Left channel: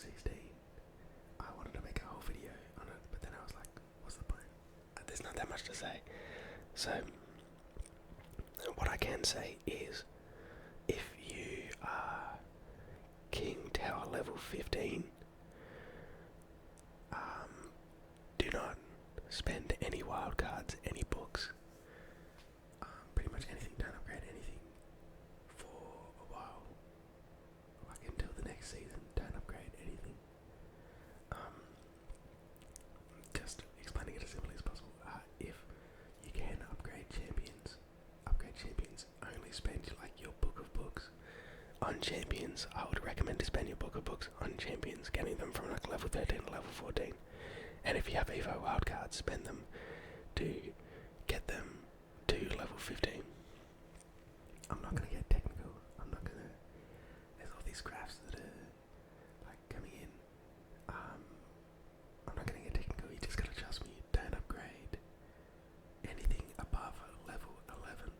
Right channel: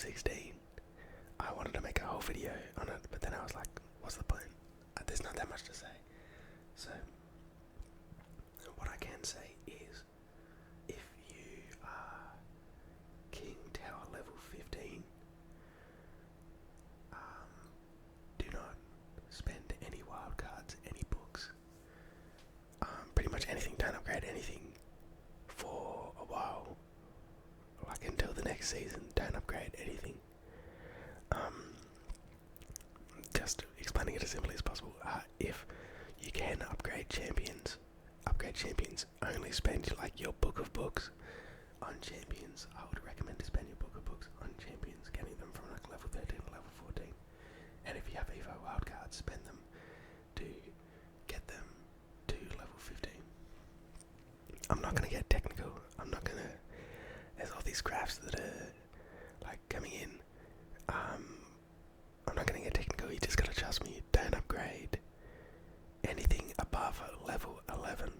16, I wanted to make a whole video on it, but then I was like, what's the point? There's not that much to say. So, what I can say is, if you are King Tower level 15, do not spend any wildcards, any books, pretty much anything. Don't upgrade anything for a while, like until the next season. Don't upgrade anything. Just explaining it as simply as possible. If you can upgrade champions, only spend like your book of books on champions. I would recommend to spend your book of books on champions, getting them from like level 13 to level 14. And if you have Evo wildcards, spend them to get them to level 15. I'm not going to get technical. There's all these crafts that are like coming in. I'm not going to get technical. You just got to trust me. Don't upgrade anything above level 11.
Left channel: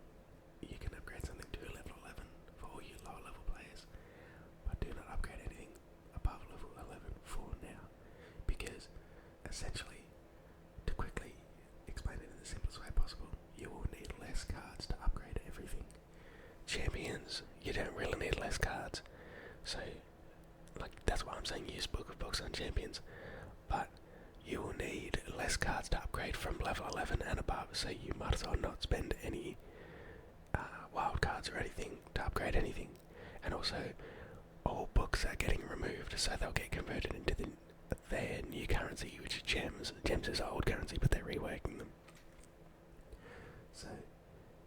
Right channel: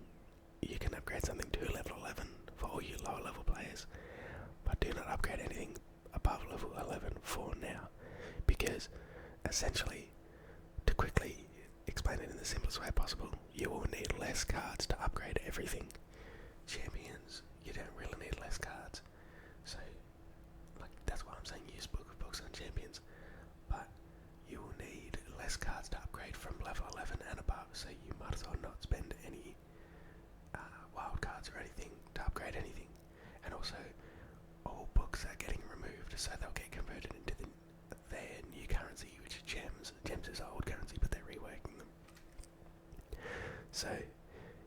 You can upgrade something to level 11 for all you lower level players, but do not upgrade anything above level 11 for now, because essentially, to quickly explain it in the simplest way possible, you will need less cards to upgrade everything. Champions, you don't really need less cards, so like that's why I'm saying use book of books on champions, but you will need less cards to upgrade from level 11 and above, so you might as well not spend any wild cards or anything to upgrade anything. And also, all books are getting removed, so they'll get converted into their new currency, which is gems. Gems is old currency, but they're reworking them. So,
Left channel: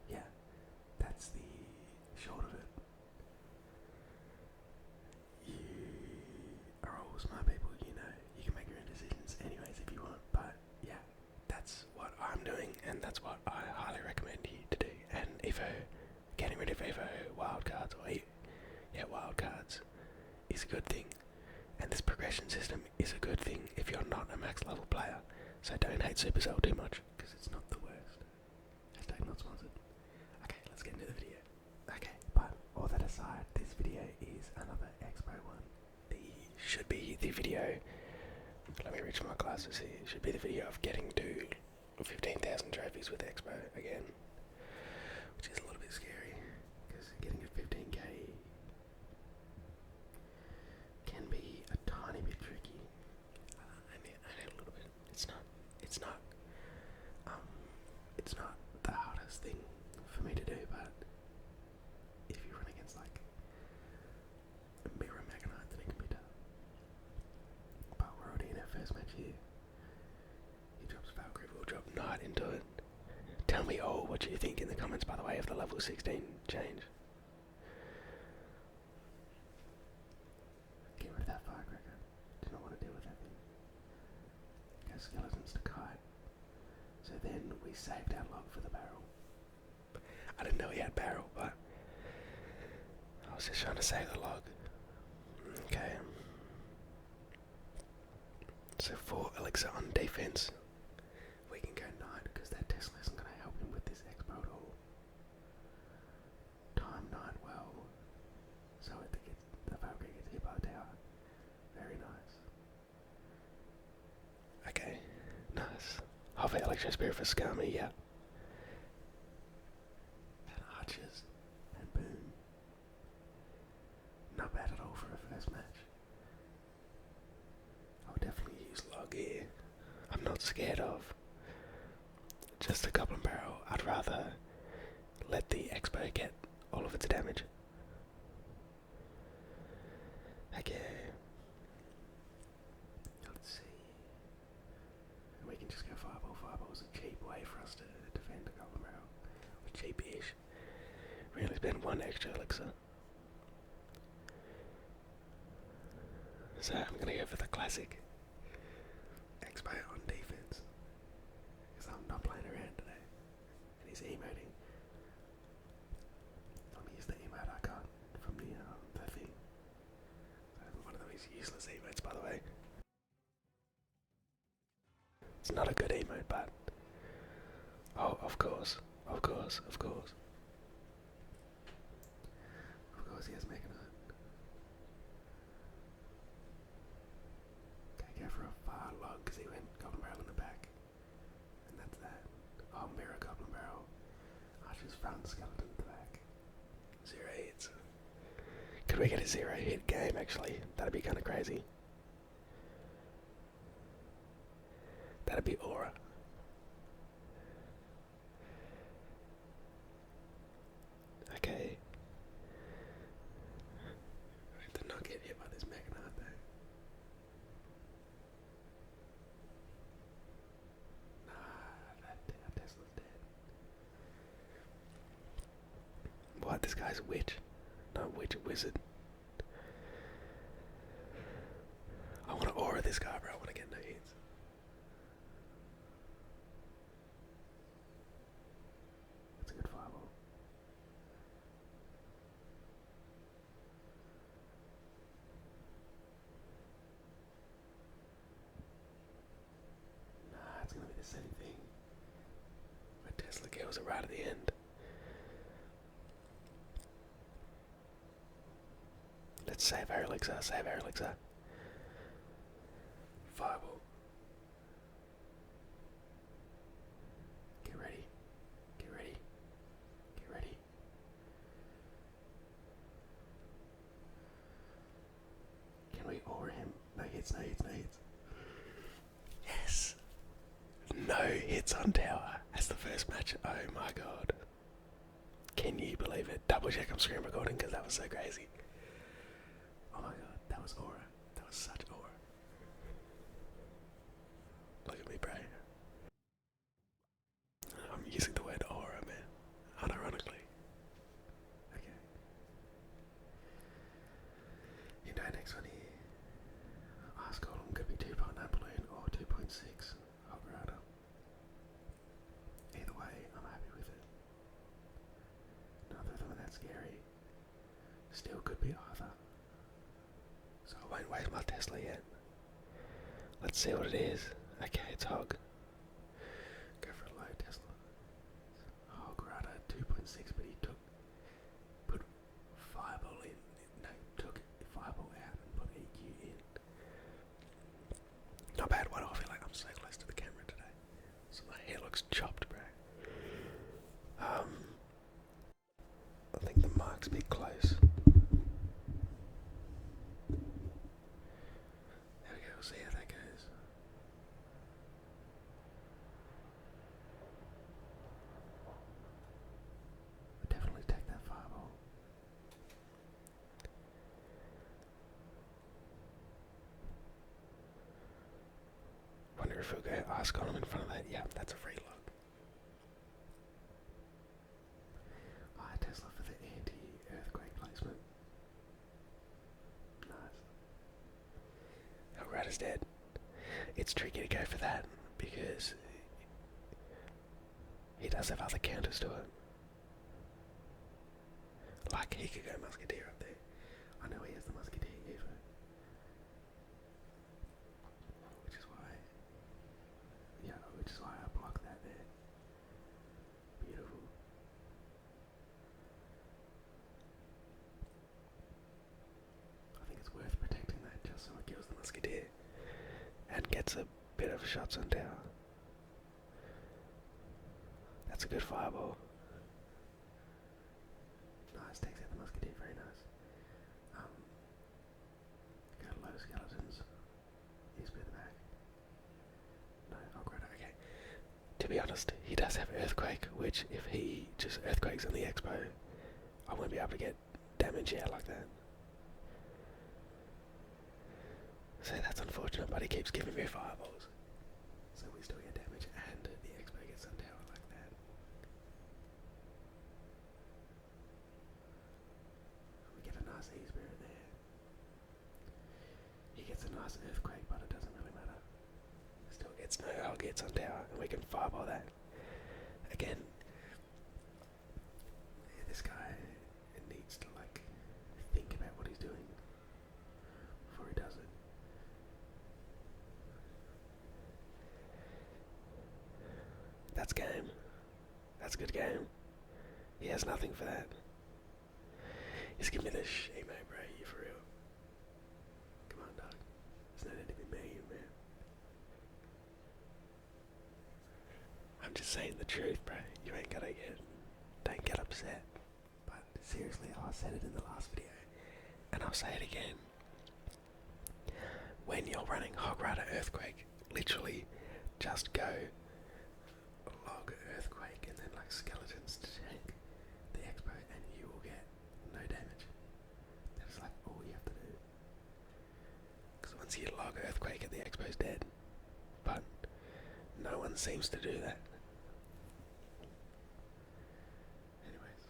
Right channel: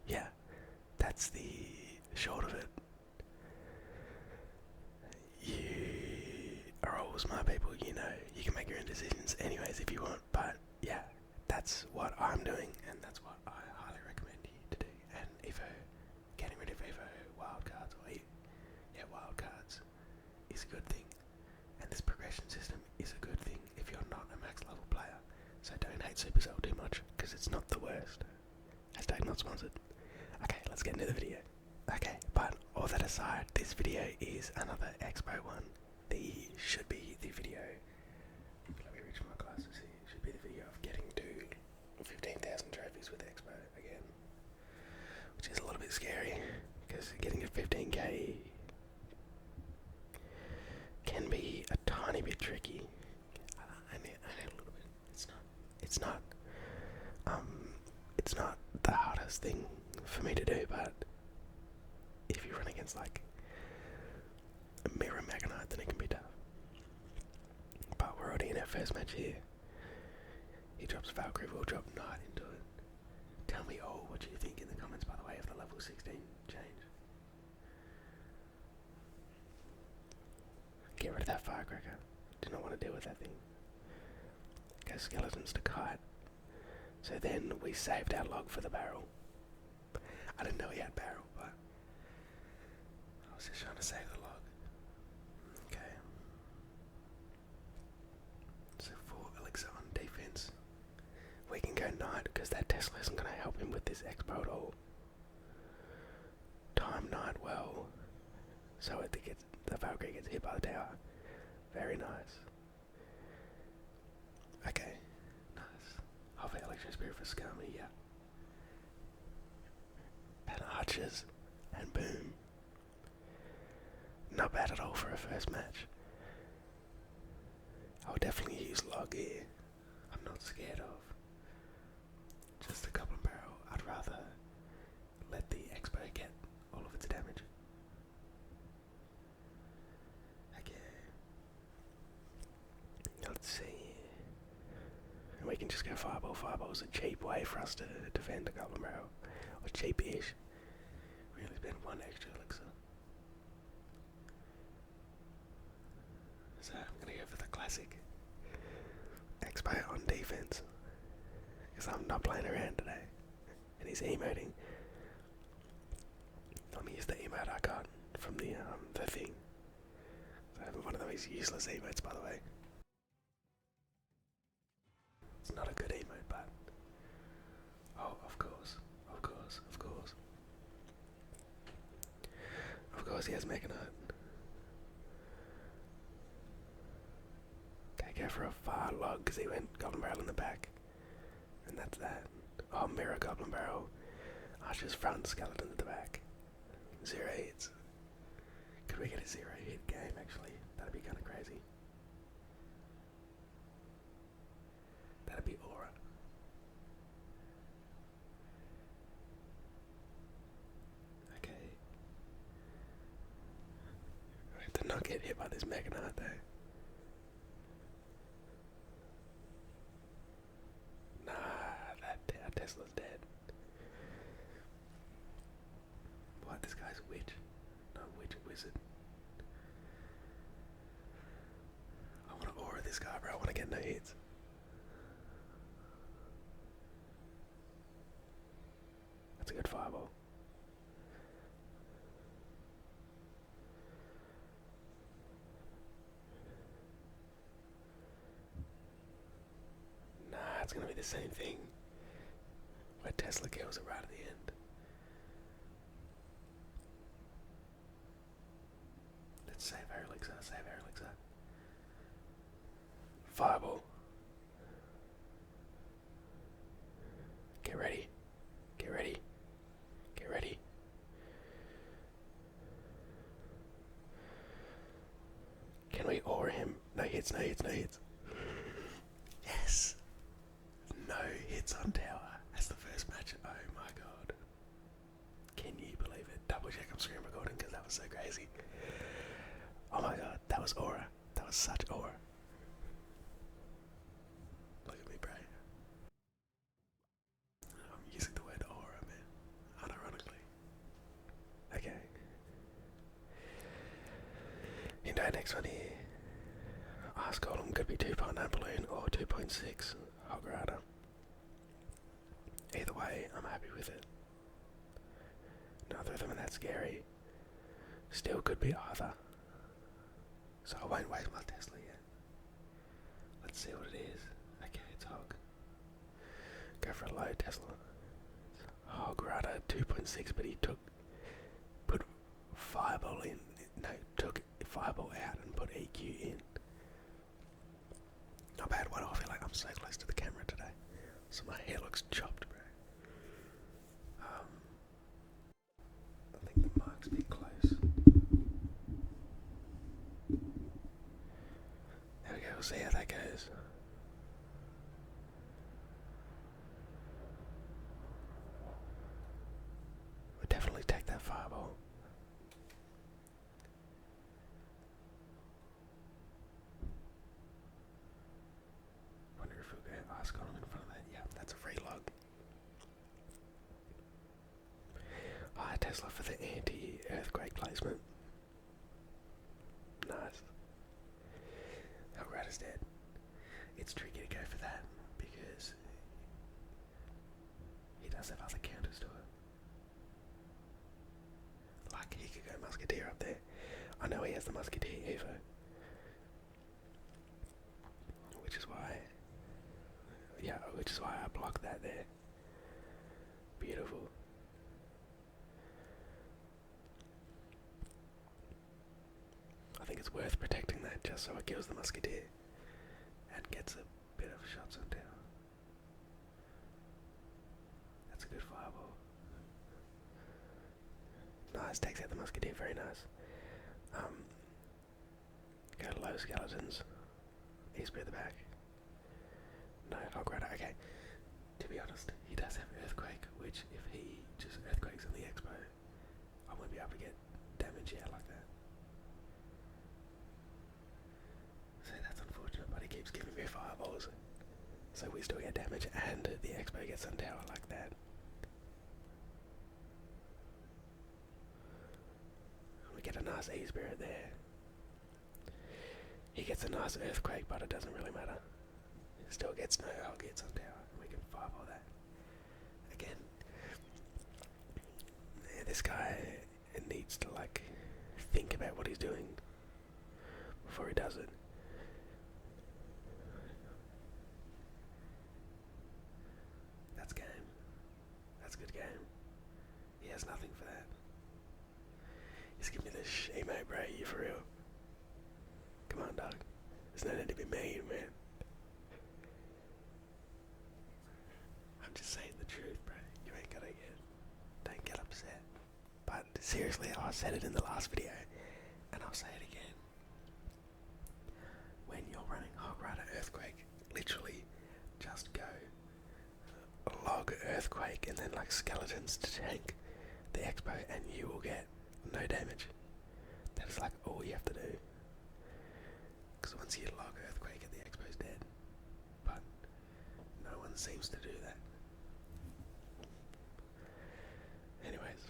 yeah, that's the short of it. You are all smart people, you know, you can make your own decisions anyways if you want, but yeah, that's what I'm doing, and that's what I highly recommend you to do. And getting rid of Evo wildcards, wildcards is a good thing, and this progression system is a good thing if you're not a max level player. So don't hate Supercell too much, because it's not the worst. Hashtag not sponsored. Okay, let's get into the video. Okay, but all that aside, this video is another xbow one. Should be the video, let me reach my glasses here, it should be the video of getting to 15,000 trophies with xbow again, which is a little bit scary, because getting to 15k can be a tiny bit tricky. I need a little bit. It's not the hardest thing for me to do, but if you run against like a Mirror Magnite, then it can be tough. But we're already in our first match here. He drops Valkyrie, we'll drop Knight into it. Tell me all what you think in the comments, by the way, of the level 16 change. Get rid of that firecracker. Do not want to deal with that thing. Go skeletons to kite. So then we saved our log for the barrel. I didn't know he had barrel, but I was just trying to save the log. Okay. So 4 elixir on defense. We can go Knight, because that Tesla isn't going to help him with this expo at all. Time Knight well, so the Valkyrie gets hit by the tower. Very nice. Okay, nice. Half Electro Spirit for Scummy, yeah. And Archers, and boom. Not bad at all for a first match. I would definitely use Log here. I'm not scared of just a Goblin Barrel. I'd rather let the Expo get all of its damage. Okay. Let's see. We can just go Fireball. Fireball's a cheap way for us to defend a Goblin Barrel. Or cheap-ish. Really spend 1 extra elixir. So I'm gonna go for the classic Expo on defense, because I'm not playing around today. And he's emoting. Let me use the emote I got from the thing. So one of those useless emotes, by the way. It's not a good emote, but oh, of course, of course, of course. Of course he has Mega Knight. go for a far log because he went Goblin Barrel in the back. And that's that. Oh, mirror Goblin Barrel. Archer's front, skeleton at the back. 0 hits. Could we get a 0 hit game actually? That'd be kind of crazy. That'd be aura. Okay. I have to not get hit by this Mega Knight though. Nah, that Tesla's dead. What? This guy's a witch? No, witch, wizard. I want to aura this guy, bro. I want to get no hits. That's a good fireball. Nah, it's gonna be the same thing. Where Tesla kills it right at the end. Let's save our elixir, save our elixir. Fireball. Get ready. Get ready. Get ready. Can we aura him? No hits, no hits, no hits. Yes! No hits on tower. That's the first match. Oh my god. Can you believe it? Double check I'm screen recording because that was so crazy. Oh my god, that was aura. That was such aura. Look at me, bro. I'm using the word aura, man. Unironically. Okay. Into our next one here. Ice Golem could be 2.9 balloon or 2.6 hog rider. Either way, I'm happy with it. Neither of them are that scary. Still could be either. So I won't waste my Tesla yet. Let's see what it is. Okay, it's hog. Go for a low Tesla. Hog rider 2.6, but he put fireball in. No, took fireball out and put EQ in. Not bad. Why do I feel like I'm so close to the camera today? So my hair looks chopped, bro. I think the mark's a bit close. There we go, we'll see how that goes. We'll definitely take that fireball. Wonder if we'll go Ice Golem in front of that. Yeah, that's a free log. Tesla for the anti-earthquake placement. Nice. Our rat is dead. It's tricky to go for that because he does have other counters to it. Like he could go Musketeer up there. I know he has the Musketeer Evo. Which is why I blocked that there. Beautiful. I think it's worth protecting that just so it kills the Musketeer and gets a bit of shots on tower. That's a good fireball. Nice, takes out the Musketeer, very nice. Go low skeletons. East at the back. No, Hog Rider, okay. To be honest, he does have Earthquake, which if he just Earthquakes on the Expo, I won't be able to get damage out like that. So that's unfortunate, but he keeps giving me fireballs. So we still get damage and the Expo gets on tower like that. We get a nice E-Spirit there. He gets a nice Earthquake, but it doesn't really matter. Still gets no hog hits on tower, and we can fireball that. Again, this guy needs to like think about what he's doing before he does it. That's game. That's a good game. He has nothing for that. Just give me this emote, bro. You for real? Come on, dog. There's no need to be mean, man. I'm just saying the truth, bro. You ain't gotta don't get upset. But seriously, I said it in the last video, and I'll say it again. When you're running Hog Rider Earthquake, literally just go log Earthquake and then like skeletons to tank the expo, and you will get no damage. That's like all you have to do. Because once you log Earthquake, the expo's dead. But no one seems to do that. Anyways,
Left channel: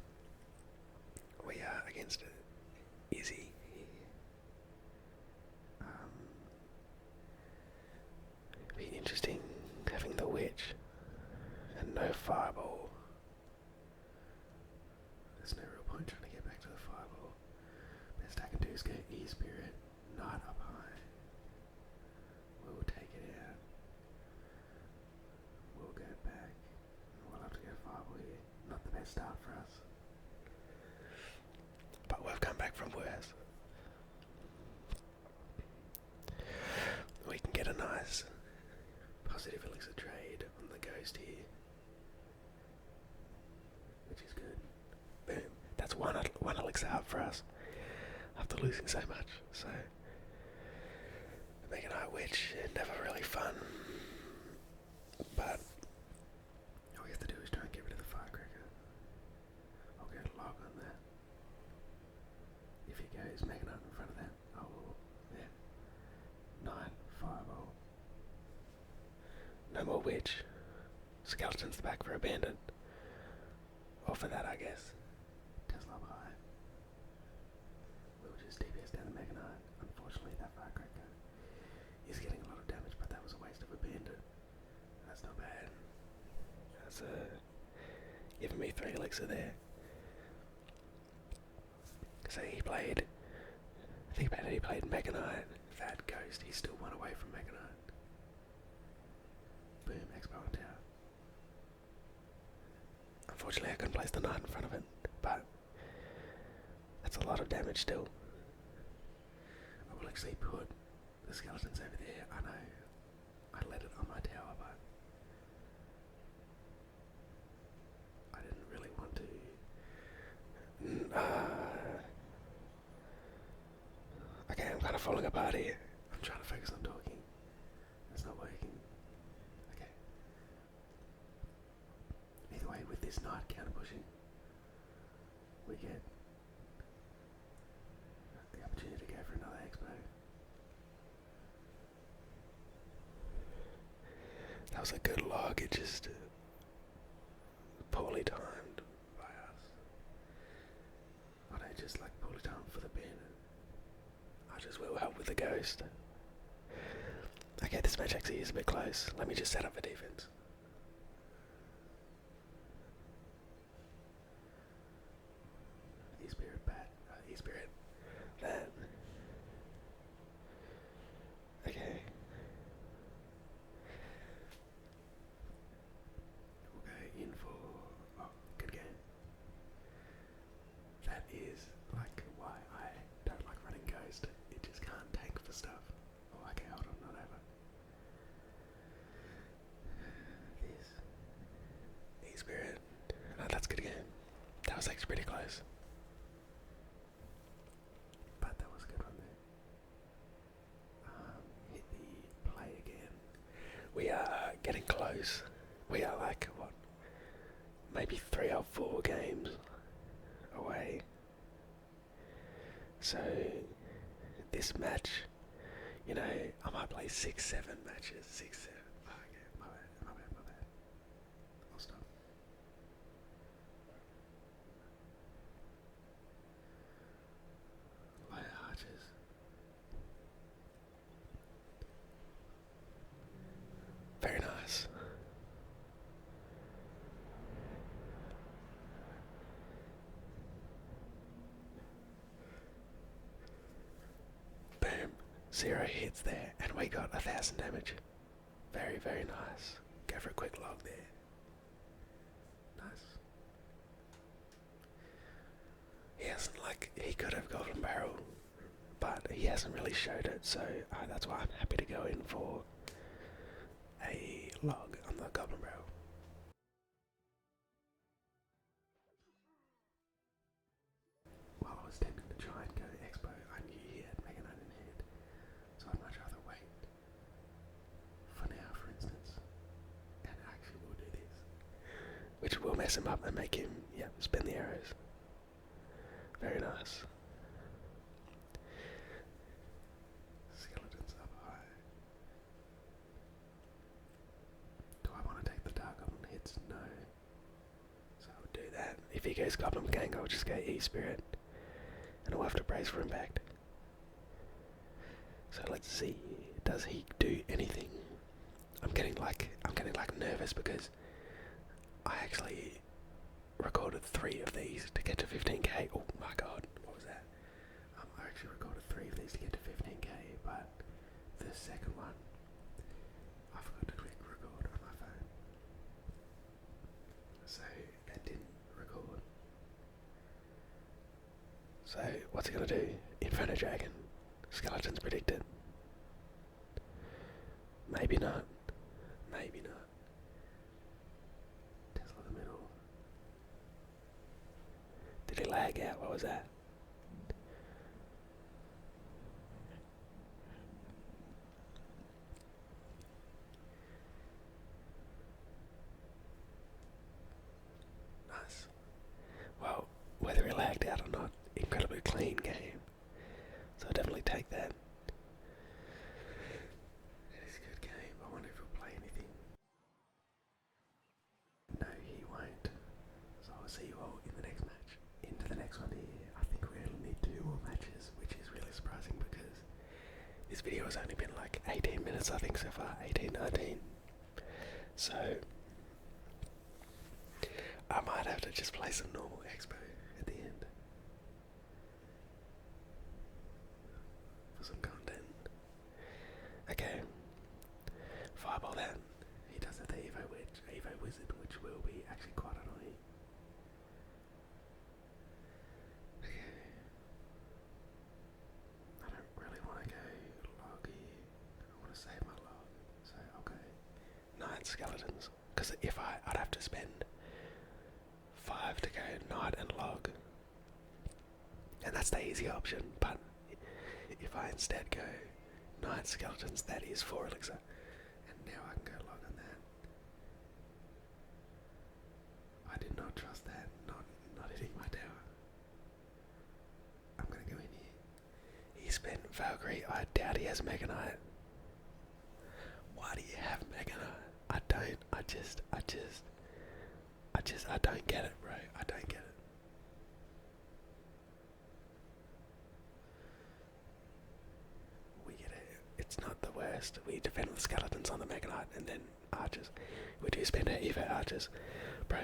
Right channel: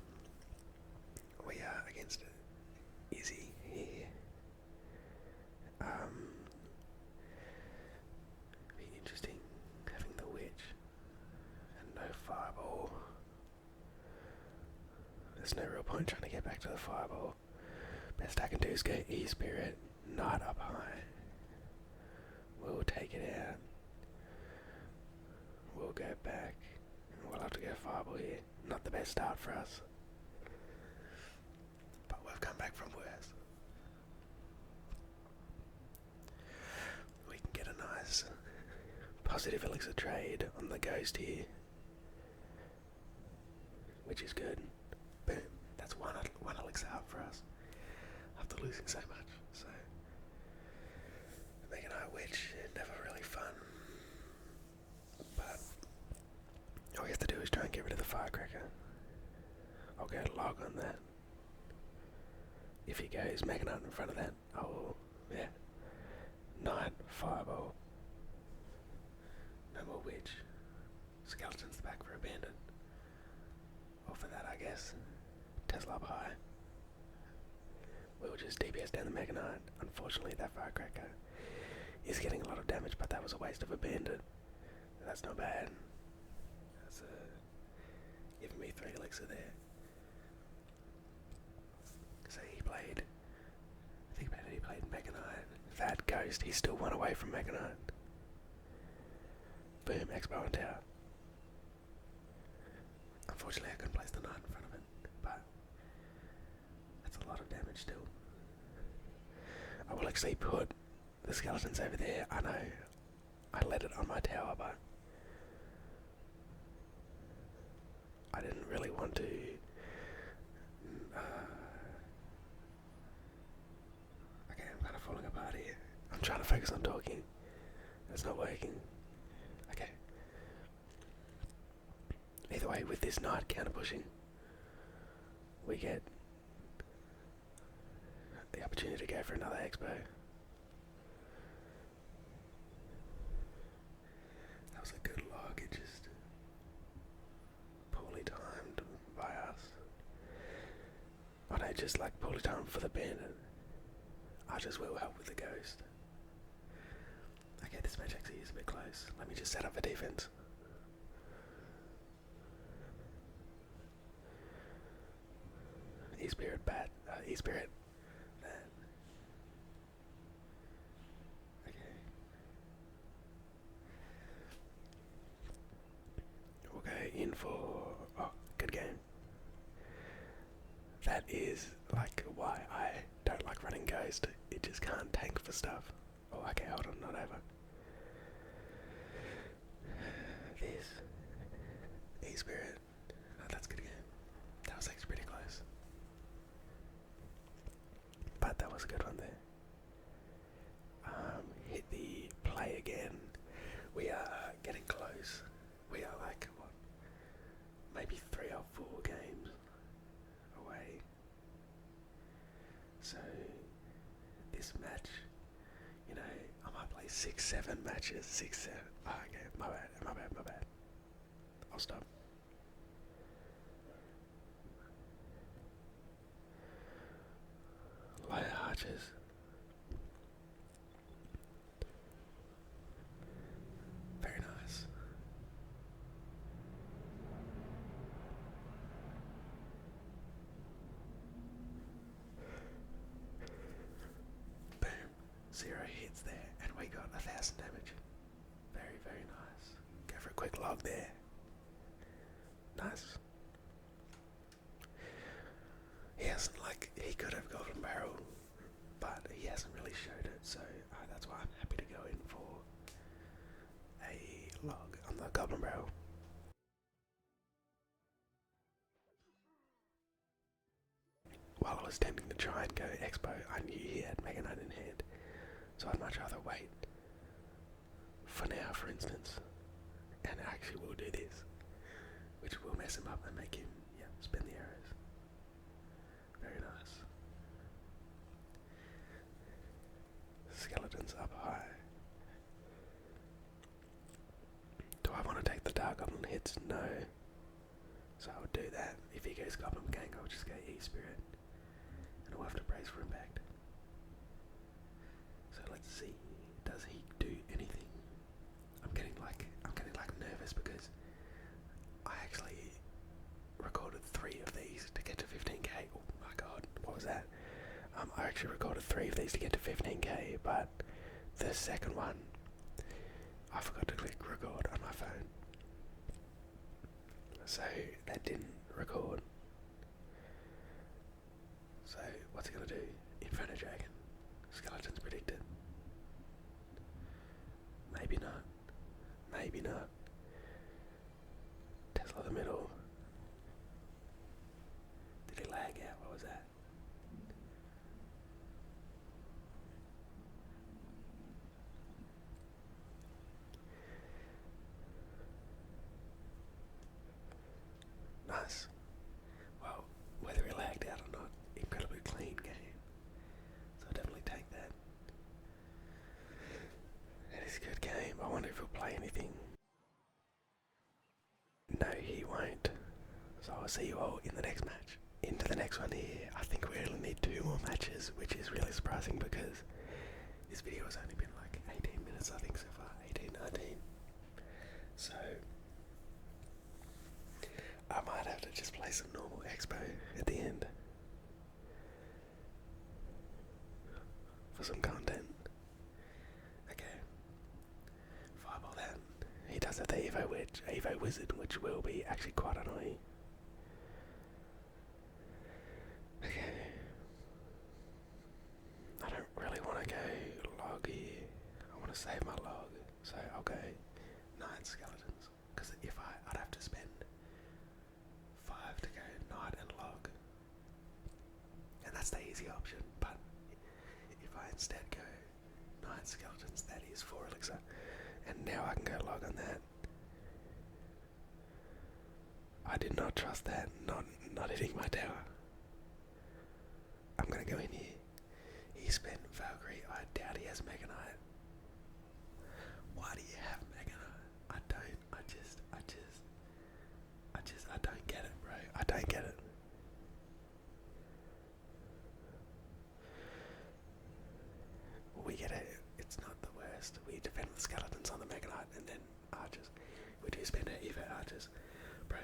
we are against Izzy here. Be interesting having the witch and no fireball. There's no real point trying to get back to the fireball. Best I can do is go E-Spirit, Knight up high. We'll take it out. We'll go back. We'll have to go fireball here. Not the best start for us. But we've come back from worse. We can get a nice positive elixir trade on the ghost here, which is good. Boom. That's one elixir up for us after losing so much. So Mega Knight Witch, never really fun. But all we have to do is try and get rid of the firecracker. I'll go log on that. If he goes Mega Knight in front of that, I will, yeah. 9 fireball. No more witch. Skeleton's the back for a bandit. Or for that, I guess. Tesla up high. We'll just DPS down the Mega Knight. Unfortunately, that firecracker is getting a lot of damage, but that was a waste of a bandit. That's not bad. That's giving me 3 elixir there. So he played, think about it, he played Mega Knight, that ghost, he's still 1 away from Mega Knight. Boom, xbow and tower. Unfortunately I couldn't place the knight in front of it, but that's a lot of damage still. I will actually put the skeletons over there. I know I let it on my tower, but I didn't really want to. Okay, I'm kind of falling apart here. I'm trying to focus on talking. It's not working. Okay. Either way, with this knight counter pushing, we get the opportunity to go for another expo. That was a good log, it just poorly timed by us. I know, just like poorly timed for the bandit. I just will help with the ghost. Okay, this match actually is a bit close. Let me just set up a defense. E-Spirit bat, E-Spirit that. Okay. We'll go in for, oh, good game. That is like why I don't like running ghost. It just can't tank for stuff. Oh, okay, hold on, not over. This E-Spirit. No, that's good game. That was actually pretty close. But that was a good one there. Hit the play again. We are getting close. We are like, what? Maybe 3 or 4 games away. So this match, you know, I might play 6-7 matches. 6-7. Oh, okay, my bad. I'll stop. Low archers. Very nice. Boom. 0 hits there, and we got 1,000 damage. Very, very nice. Go for a quick log there. Nice. He hasn't, like, he could have Golden Barrel, but he hasn't really showed it, so that's why I'm happy to go in for a log on the Goblin Barrel. for now, for instance, and actually we'll do this, which will mess him up and make him, spin the arrows. Very nice. Skeletons up high. Do I want to take the Dark Goblin hits? No. So I would do that. If he goes Goblin Gang, I'll just go E-Spirit. And I'll have to brace for impact. So let's see. Does he do anything? I'm getting like nervous because I actually recorded 3 of these to get to 15k. Oh my god, what was that? I actually recorded 3 of these to get to 15k, but the second one, I forgot to click record on my phone. So that didn't record. So what's it gonna do? Inferno Dragon. Skeletons predicted. Maybe not. Maybe not. Tesla the middle. Did he lag out? What was that? Nice. Well, whether he lagged out or not, incredibly clean game. So I'll definitely take that. It is a good game. I wonder if he'll play anything. No, he won't. So I'll see you all in the next match. Into the next one here. I think we only need 2 more matches, which is really surprising because this video has only been like 18 minutes, I think, so far. 18, 19. So I might have to just play some normal expo at the end for some content. Okay. Fireball that. He does have the Evo Wizard, which will be actually quite annoying. Okay. I don't really want to go log here. I want to save my log, so I'll go 9 skeletons. Because if I'd have to spend 5 to go Knight and log, and that's the easy option. But if I instead go Knight skeletons, that is 4 elixir, and now I can go log on that. I did not trust that, not hitting my tower. I'm gonna go in here. He spent Valkyrie. I doubt he has Mega Knight. Why do you have Mega Knight? I don't. I don't get it, bro. I don't get it. We get it. It's not the worst. We defend with skeletons on the Mega Knight and then archers. We do spend our Evo archers. Bro,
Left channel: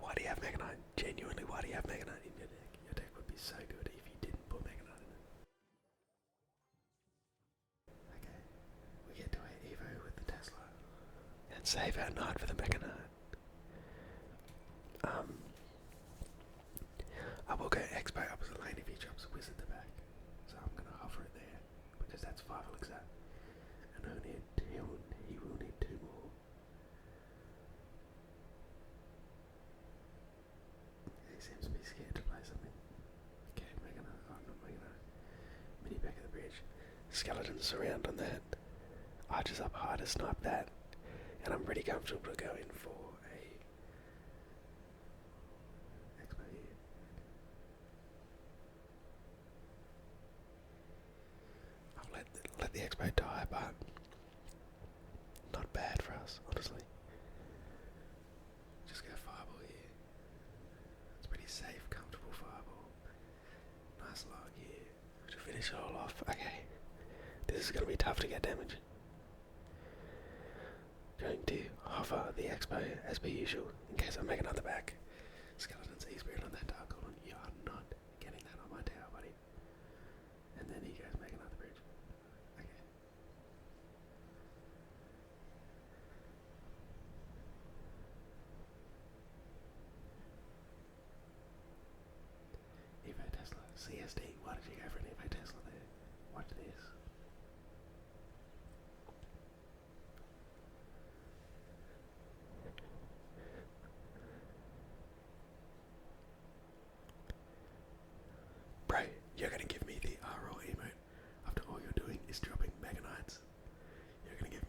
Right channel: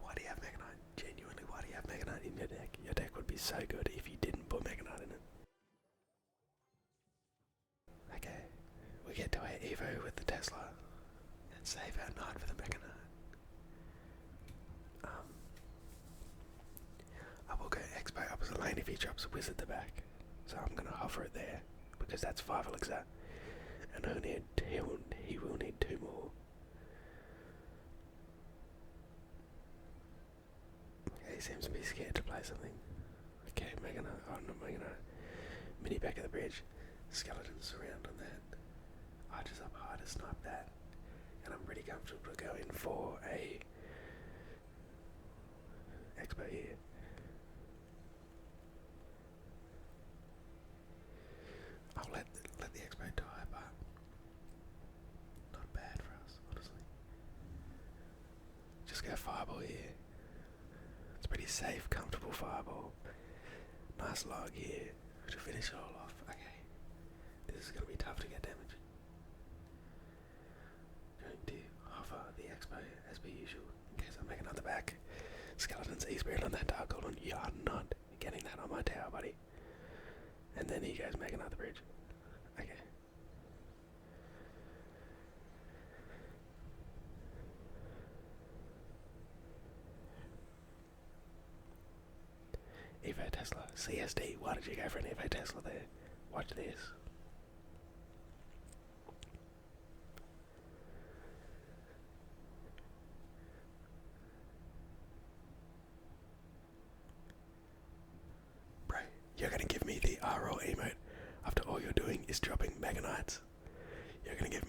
why do you have Mega Knight? Genuinely, why do you have Mega Knight in your deck? Your deck would be so good if you didn't put Mega Knight in it. Okay, we get to our Evo with the Tesla and save our Knight for the Mega Knight. I will go X-Bow opposite lane if he drops a Wizard the back. So I'm going to hover it there, because that's 5 elixir. And he will need 2 more. Okay, he seems to be scared to play something. Okay, Mega Knight. Oh, not Mega Knight. Mini back of the bridge. Skeletons surround on that. Archers up high to snipe that. And I'm pretty comfortable to go in for a X-Bow here. I'll let the X-Bow die, but not bad for us, honestly. Just go Fireball here. It's pretty safe, comfortable Fireball. Nice log here to finish it all off. Okay, this is going to be tough to get damage. Going to hover the X-Bow as per usual in case I make another back. Skeletons E-Spirit on that Dark Goblin. You are not getting that on my tower, buddy. And then he goes make another bridge. Okay. Evo Tesla. CSD. Why did you go for an Evo Tesla there? Watch this. Bro, you're gonna give me the RL emote after all you're doing is dropping Mega Knights. You're gonna give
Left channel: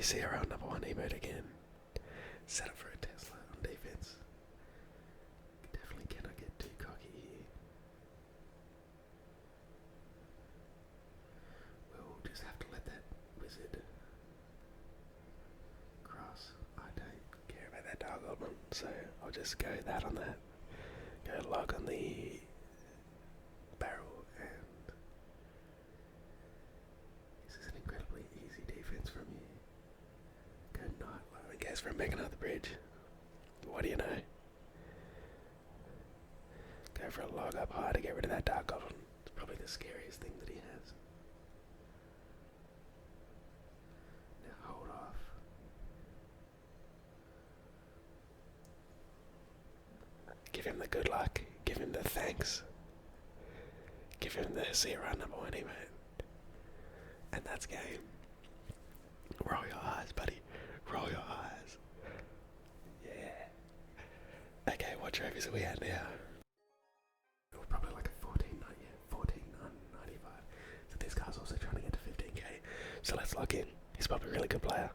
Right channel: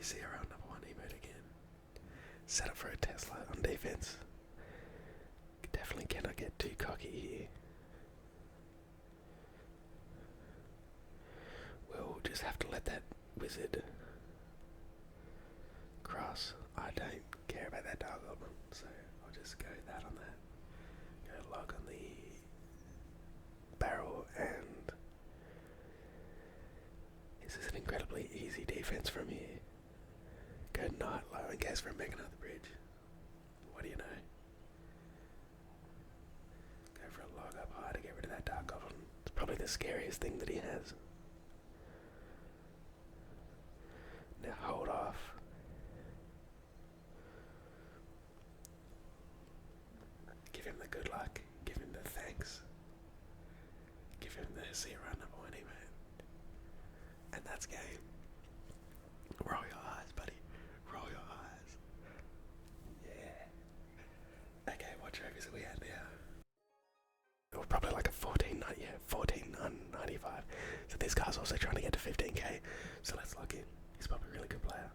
you see our number one emote again. Set up for a Tesla on defense. Definitely cannot get too cocky here. We'll just have to let that wizard cross. I don't care about that Dark Goblin, so I'll just go that on that. Go log on the barrel, and this is an incredibly easy defense from here. Go Knight low in case we're making out the bridge. What do you know? Go for a log up high to get rid of that Dark Goblin. It's probably the scariest thing that he has. Now hold off. Give him the good luck. Give him the thanks. Give him the see around number one emote. And that's game. Roll your eyes, buddy. Roll your eyes. Yeah. Okay, what trophies are we at now? We're probably like a 14.95. So this guy's also trying to get to 15k. So let's log in. He's probably a really good player.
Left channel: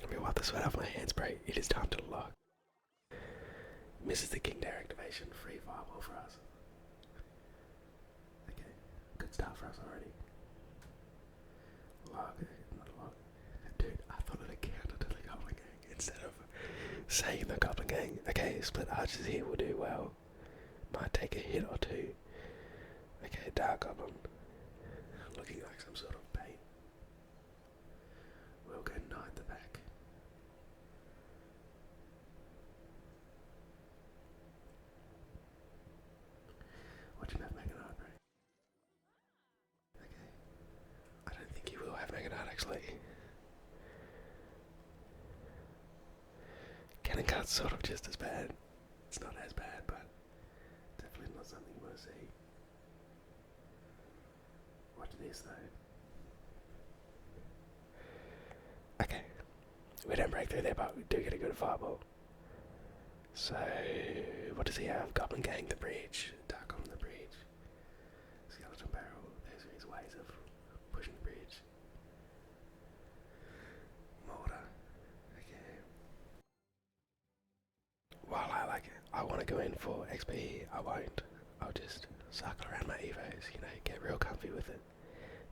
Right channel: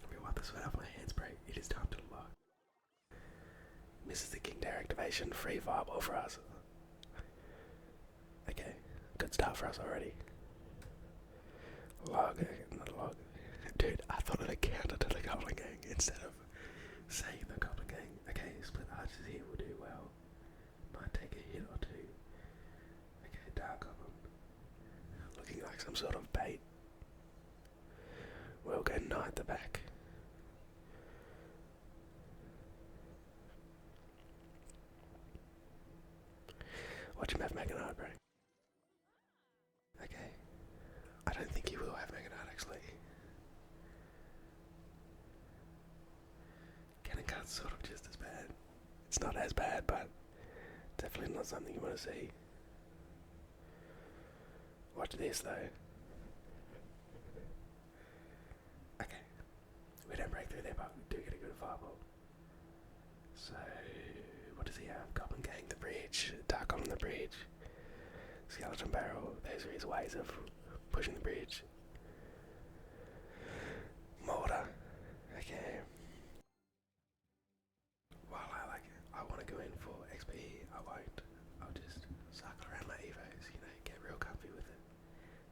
Let me wipe the sweat off my hands, bro. It is time to log. Misses the King Dare activation. Free fireball for us. Okay, good start for us already. Log, not log. Dude, I thought it counted to the Goblin Gang instead of saying the Goblin Gang. Okay, split archers here will do well. Might take a hit or two. Okay, Dark Goblin. Looking like some sort of bait. We'll go Knight at the back. Watch him have Mega Knight, bro. Okay. I don't think he will have Mega Knight, actually. Cannon Cut's sort of just as bad. It's not as bad, but definitely not something you want to see. Watch this, though. Okay. We don't break through there, but we do get a good fireball. So, what does he have? Goblin Gang, the bridge, Dark on the bridge, Skeleton Barrel. Those are his ways of pushing the bridge. Mortar. Okay. While I want to go in for XP, I won't. I'll just cycle around my evos, get real comfy with it.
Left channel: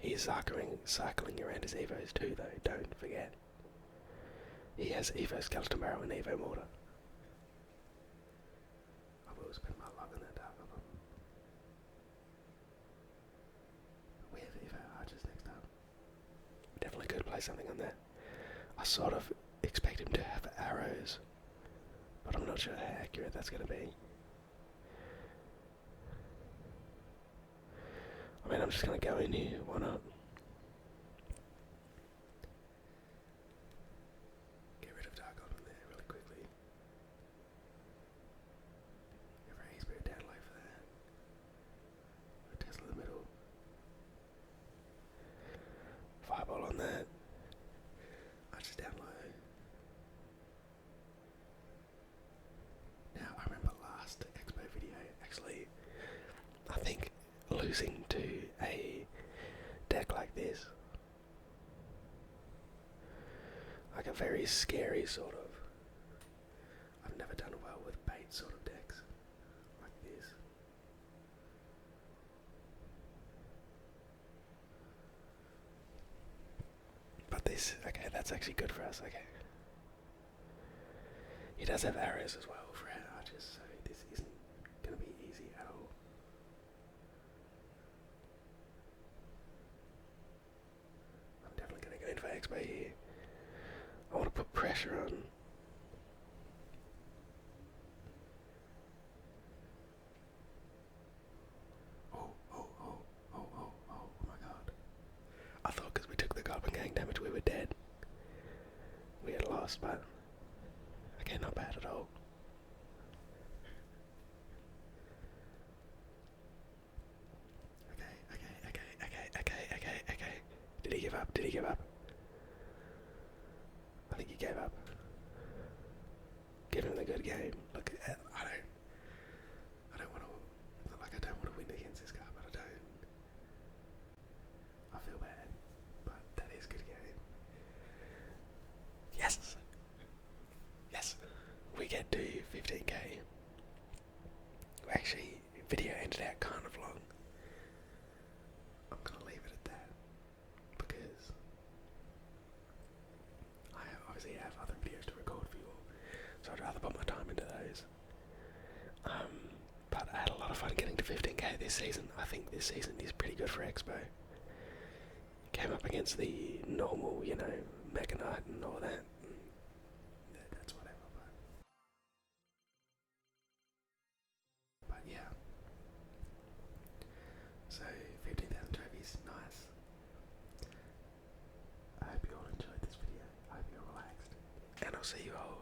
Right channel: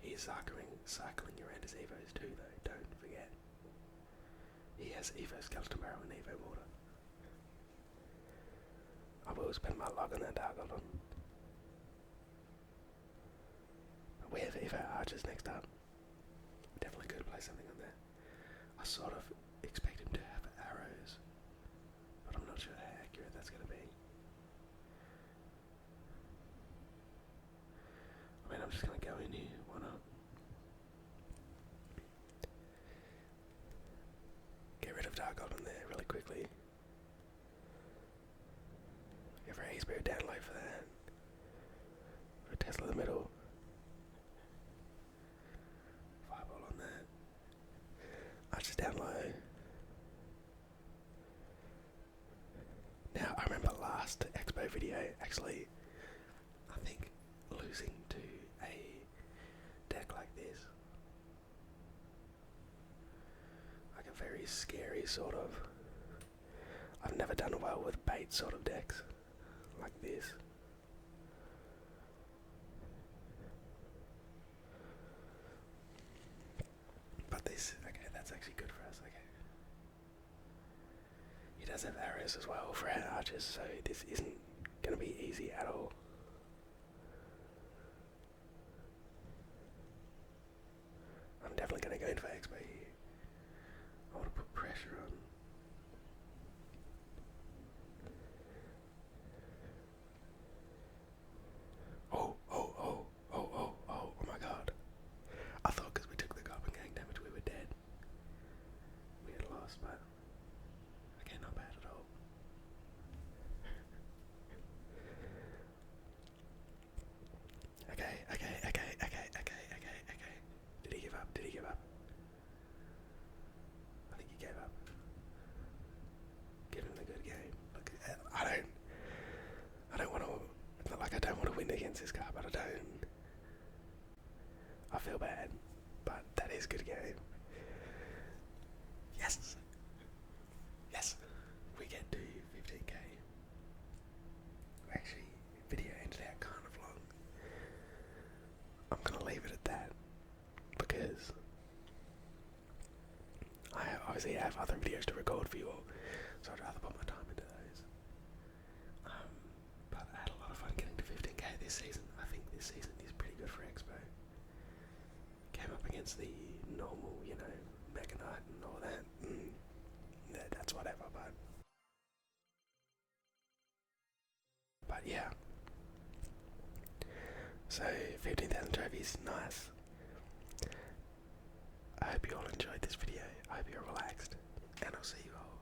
He's cycling around his evos too, though, don't forget. He has Evo Skeleton Barrel and Evo Mortar. I will spend my log on that Dark Goblin. We have Evo Archers next up. Definitely could play something on that. I sort of expect him to have arrows, but I'm not sure how accurate that's going to be. I mean, I'm just going to go in here, why not? Get rid of Dark Goblin there really quickly. Go for a Spirit down low for that. For Tesla in the middle. Fireball on that. Archers down low. Now, I remember last expo video, actually, I think losing to a deck like this, like a very scary sort of, I've never done well with bait sort of decks like this. But this, okay, that's actually good for us, okay. He does have arrows as well for our archers, so this isn't going to be easy at all. I'm definitely going to go in for expo here. I want to put pressure on. Oh my god. I thought because we took the Goblin Gang damage we were dead. We had lost, but okay, not bad at all. Okay. Did he give up? Did he give up? I think he gave up. Give him the good game. Look, I don't want to, it's not like I don't want to win against this guy, but I feel bad. But that is good game. obviously I have other videos to record for you all, so I'd rather put my time into those. But I had a lot of fun getting to 15k this season. I think this season is pretty good for Expo. Came up against the normal, Mega Knight and all that. That's whatever, but yeah. So 15,000 trophies, nice. I hope you all enjoyed this video. I hope you're relaxed, and I'll see you all